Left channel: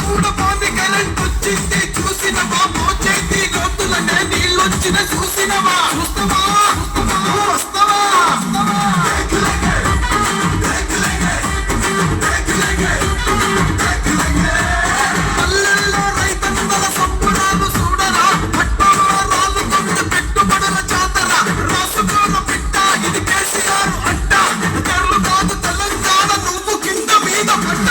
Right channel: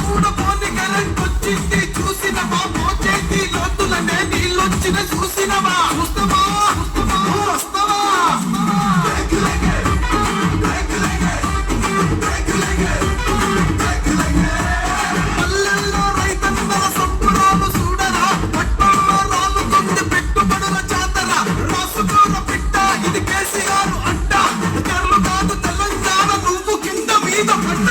కూడా పోని కరెంట్ వచ్చింది చూసినవా మోచేతి గొంతులనే నీళ్ళొచ్చిన చూసినవా చూస్తావా వస్తావా పల్లెల్లో రైతన్నల సంబరాలు చూడరా పట్టణంలో రాళ్ళు కొట్టి పెట్టుబడుల జాతర రాసుకోన పిట్ట ఇది కేసీఆర్ అంట కర్లు కాదు తెలంగాణ నువ్వు కింద మీద పడ్డ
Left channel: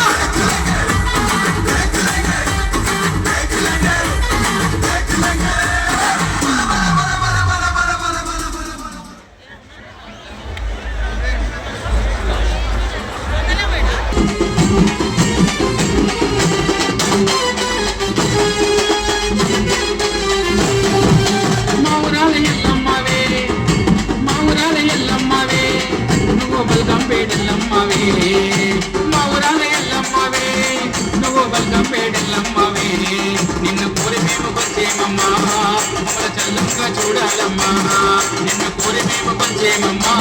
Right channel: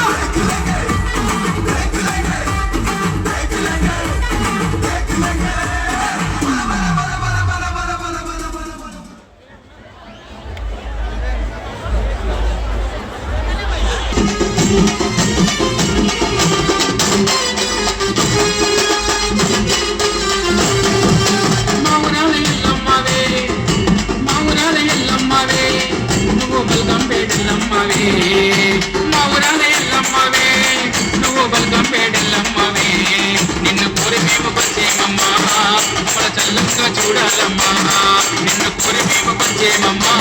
నిన్ను కోరి మేము వచ్చేమమ్మా మమ్మల చల్లంగా చూడాలమ్మా నిన్ను కోరి మేము వచ్చేమమ్మా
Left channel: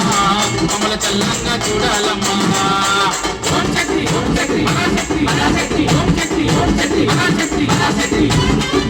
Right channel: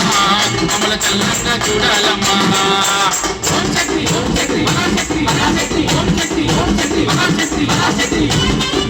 మమ్మల చల్లంగా చూడాలమ్మా ఓం శక్తి ఓం శక్తి పరాశక్తి పరాశక్తి ఓం శక్తి ఓం శక్తి పరాశక్తి పరాశక్తి